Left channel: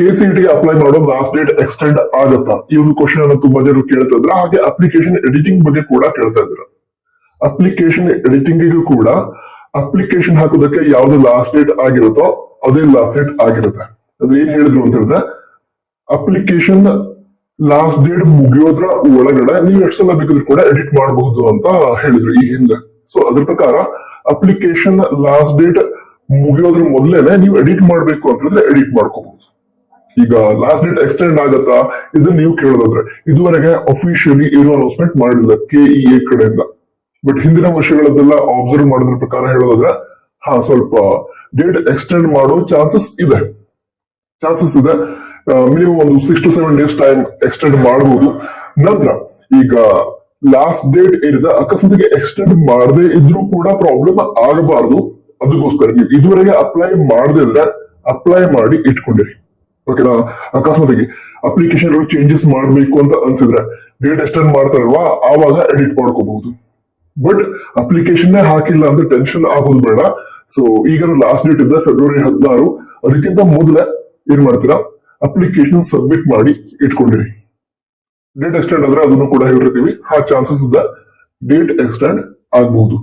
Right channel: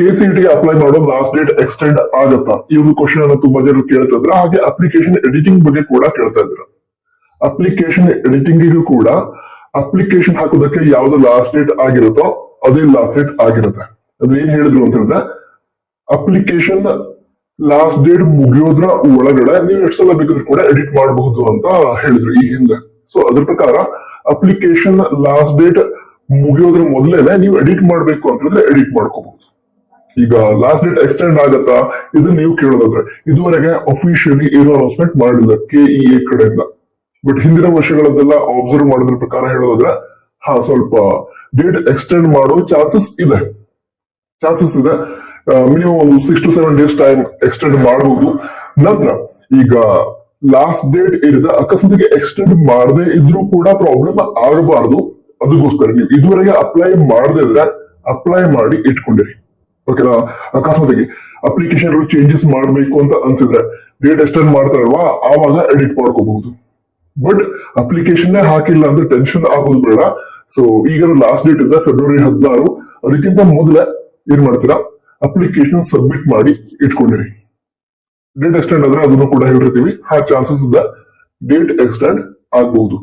KCET apply ಮಾಡೋ last date extend ಆಗತ್ತಾ, ಈ ಒಂದು ಕ್ವಶನ್ ಅನ್ನು ತುಂಬಾ ಜನ ಕೇಳ್ತಾ ಇದ್ರ. ಹಾಗೆ ಅಪ್ಲಿಕೇಶನ್ ಎಡಿಟಿಂಗ್ ಬಗ್ಗೆ ಕೂಡ ಕೇಳ್ತಾ ಇದ್ರ. ಅಪ್ಲಿಕೇಶನ್ ಎಡಿಟಿಂಗ್ ಕೂಡ ಅಪ್ಲಿಕೇಶನ್ ಹಾಕೋದಕ್ಕೆ ಯಾವ್ದು ಲಾಸ್ಟ್ ಡೇಟ್ ಆಗಿರುತ್ತೋ ಅದೇ ಲಾಸ್ಟ್ ಡೇಟ್ ಆಗಿರುತ್ತೆ. ಅದು ಏನ್ ಹೇಳಿದ್ರು ಅಂತ ಹೇಳಿದ್ರೆ, ಅಪ್ಲಿಕೇಶನ್ ಲಾಸ್ಟ್ ಡೇಟ್ ಮುಗಿಯೋದ್ರ ಒಳಗಡೆ ನೀವು ಎಷ್ಟು ಸಲ ಬೇಕಾದ್ರೂ ಕೂಡ ಎಡಿಟ್ ಮಾಡಬಹುದು ಅಂತ ಹೇಳಿದ್ರು ಈ ಹಿಂದೆ. ಸೊ ಅದ್ರ ಪ್ರಕಾರ ಅಪ್ಲಿಕೇಶನ್ ಲಾಸ್ಟ್ ಡೇಟ್ ಮುಗಿಯೋದ್ರ ಮೊದಲೇನೆ ನೀವು ಎಡಿಟ್ ಮಾಡ್ಬೇಕು ಅಂತ ಹೇಳಿದ್ರೆ ಎಡಿಟ್ ಮಾಡ್ಕೋಬಹುದು. ಈಗ ಲಾಸ್ಟ್ ಡೇಟ್ ಎಕ್ಸ್ಟೆಂಡ್ ಆಗತ್ತಾ ಇದನ್ನ ನೀವು ಕೇಳೋದಾದ್ರೆ, ಇದುವರೆಗೆ ಅಫಿಷಿಯಲಿ ಏನೋ ಅನೌನ್ಸ್ಮೆಂಟ್ ಮಾಡಿಲ್ಲ KEA ಕಡೆಯಿಂದ. ಬಟ್ ಹಿಂದಿನ ವರ್ಷಗಳನ್ನೆಲ್ಲ ಅಬ್ಸರ್ವ್ ಮಾಡೋದ್ರ ಪ್ರಕಾರ ಹೇಳೋದಾದ್ರೆ ಸ್ವಲ್ಪ ಡೇಟ್ ಎಕ್ಸ್ಟೆಂಡ್ ಮಾಡೋ ಚಾನ್ಸಸ್ ಇದೆ. ಮಿನಿಮಮ್ ಒಂದು 6 to 7 days ಟೈಮ್ ಎಕ್ಸ್ಟೆಂಡ್ ಮಾಡಬಹುದು. ನಂತರ ಈಗ ಲಾಸ್ಟ್ ಡೇಟ್ ಏನಿದೆ ಅಕಸ್ಮಾತ್ ಎಕ್ಸ್ಟೆಂಡ್ ಮಾಡದೇ ಇದ್ರೂ ಕೂಡ ಪ್ರಾಬ್ಲಮ್ ಆಗಬಾರ್ದು. ಅದಕ್ಕೋಸ್ಕರ ನೀವು ಇದುವರೆಗೆ ಅಪ್ಲೈ ಮಾಡದೇ ಇದ್ರೆ ಅಪ್ಲೈ ಮಾಡಿ ಇಟ್ಕೊಂಡಿರಿ. ಓಕೆನಾ? ಅಕಸ್ಮಾತ್ ಅಪ್ಲಿಕೇಶನ್ ಚೇಂಜಸ್ ಮಾಡಬೇಕು ಅಂತ ಅನ್ಸಿದ್ರೆ ಡೇಟ್ ಎಕ್ಸ್ಟೆಂಡ್ ಮಾಡ್ತಾರಲ್ವಾ ಆವಾಗ ಎಡಿಟ್ ಮಾಡ್ಕೋಬಹುದು. ಬಟ್ ಅಪ್ಲಿಕೇಶನ್ ಹಾಕಿಲ್ಲ ಅಂತ ಟೆನ್ಷನ್ ಆಗೋದು ಬೇಡ. ಸೊ ಈಗ ಲಾಸ್ಟ್ ಡೇಟ್ ಇದೆ February 16. ಅದಕ್ಕಿಂತ ಮೊದಲೇ ಏನ್ ಮಾಡ್ತೀರಾ, ಅಪ್ಲಿಕೇಶನ್ ಸಬ್ಮಿಟ್ ಮಾಡಿ ಇಟ್ಕೊಂಡಿರಿ. ಡೇಟ್ ಎಕ್ಸ್ಟೆಂಡ್ ಆದ್ರೆ ಅದನ್ನು ಕೂಡ ಹೇಳಿರ್ತೀವಿ, ಆ ಚಾನ್ಸಸ್ ಇದೆ ಡೇಟ್ ಎಕ್ಸ್ಟೆಂಡ್ ಆಗಬಹುದು.